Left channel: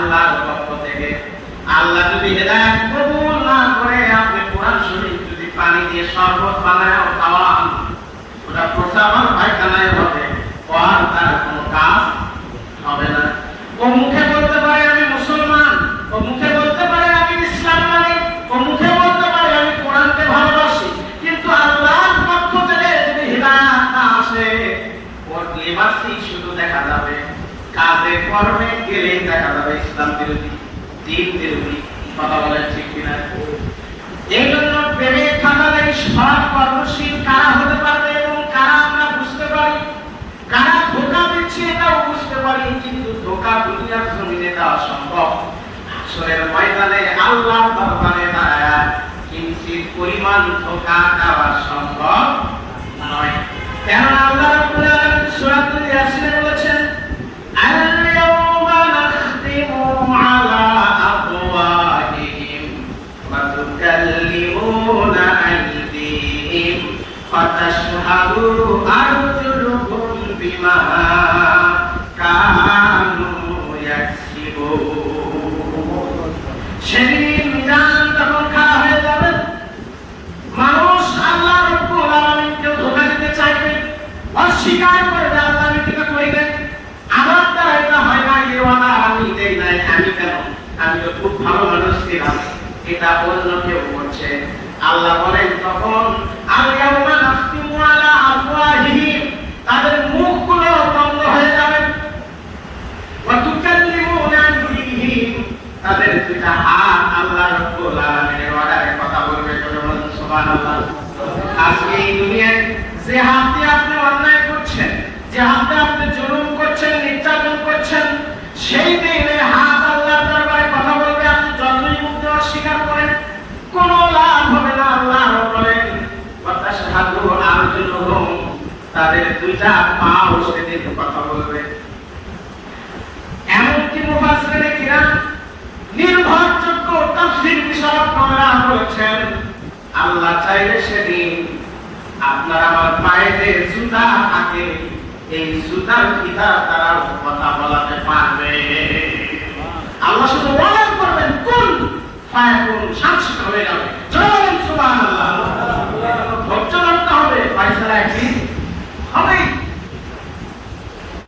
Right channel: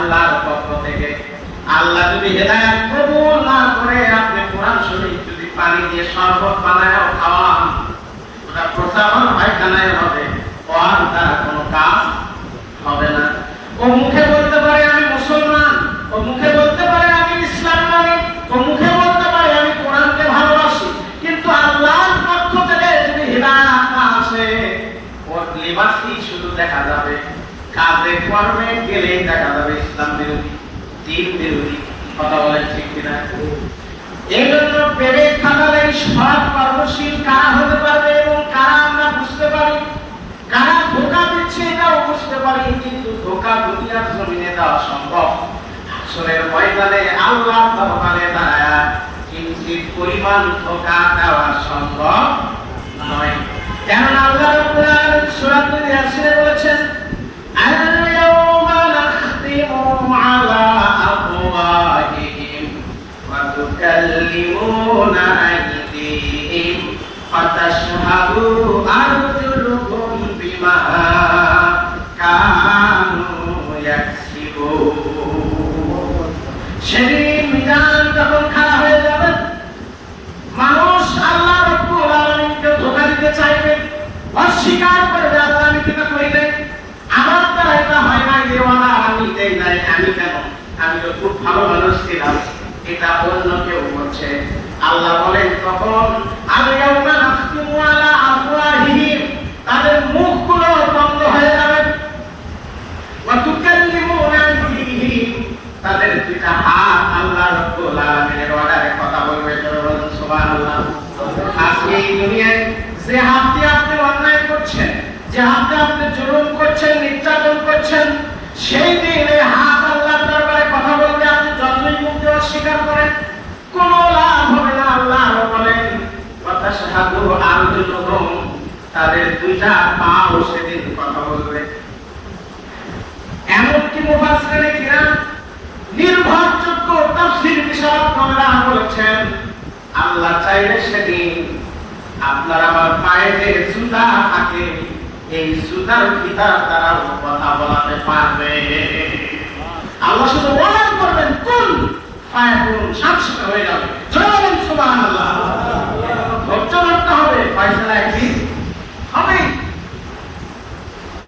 আল্লাহর পক্ষ থেকে। আল্লাহ যদি হেদায়েত কবুল না করে আপনি কোরআন শরীফ যদি পানি দিয়ে শরবত বানায় খাওয়ান, ওটা প্রসাবন পায়খানায় হবে, আর তার কোনো কাজ হবে না। ও মুখে বলতে পারে আমি মুসলমান, ও মুখে বলতে পারে আমি ইসলাম মানি, ও মুখে বলতে পারে আমি কোরআনকে ভালোবাসি, কিন্তু আল্লাহর পক্ষ থেকে যদি হিদায়াত না আসে, ওর লিবাসই শুধু দেখা যাবে, কাজে কর্মে গেলেই দেখা যাবে ইসলাম বিরোধী, দ্বীন বিরোধী। কথা বলে ঠিক কিনা? এই জন্য প্রেমে থাকলে সব কর্মশীল কারা হতে পারবে এবং কারা আমরা বুঝতে পারি, কারা ধোকা দিচ্ছে এটাও বুঝতে পারি, কিন্তু ধোকা দুনিয়ার জমিনে দেওয়া সম্ভব, আসরের ময়দানে আল্লাহ দরবারে দাঁড়ায় কিঞ্চিত পরিমাণ ধোকা দেওয়া সম্ভব নয়। কেন আল্লাহ রাব্বুল আলামিন সূরাতুল ইয়াসিনে বলেছেন, আল-ইয়াওমা নাখতিমু আলা আফওয়াহিহিম ওয়া তুকাল্লিমুনা আইদিহিম ওয়া তাশহাদু আরজুলুহুম বিমা কানু ইয়াকসিবুন। সেদিন মিজান যখন খাড়া হয়ে যাবে, মানুষ আল্লাহ রাব্বুল আলামিনকে ধোঁকা দিতে চাইবে, অস্বীকার করবে আল্লাহ আমি কিছু করিনি, আমার তো এটা হয় না, দেওয়ানা আমি দেই নাই, আমি কেন, আমি তো খুব ভালো মানুষ ছিলাম, এটা অন্য কেউ করছে। আল্লাহ বলেন তখন আল-ইয়াওমা নাখতিমু আলা আফওয়াহিহিম, তাদের মুখগুলো বন্ধ হয়ে যাবে, ওয়া তুকাল্লিমুনা আইদিহিম, তাদের দুটা হাত আল্লাহ রাব্বুল আলামিনের অর্ডারে কথা বলবে। সুবহানাল্লাহ। আজকে এই দুনিয়ায় যে হাতে আপনি অন্যায় করছেন, যে হাতে আপনি জুলুম করছেন, নির্যাতন করছেন, সেই দিনে হাত আল্লাহর দরবারে কথা বলবে, আপনি যতই মুক্ত অস্বীকার করেন কোনো লাভ হবে না। আল্লাহ বলেন কথা সাধু আরজুলুহুম, তাদের দুইটা পাও সেদিন কথা বলবে। এমনকি মুফাসসিরিনে কিরাম নির্ভরযোগ্য তাফসীর বিশারদরা বলেছেন, আল্লাহ চাইলে সেদিন আপনার আমার পায়ে যে জুতা থাকে, এই জুতার ভিতর তারা কথা বলাতে পারবে। আল্লাহ শুধু ওয়াদা করবেন কুল ফায়াকুন, শান্ত হয়ে যাবে। জোরে সুবহানাল্লাহ। ধৈর্য রাখতে হবে, ফয়সালা একদিন হবে।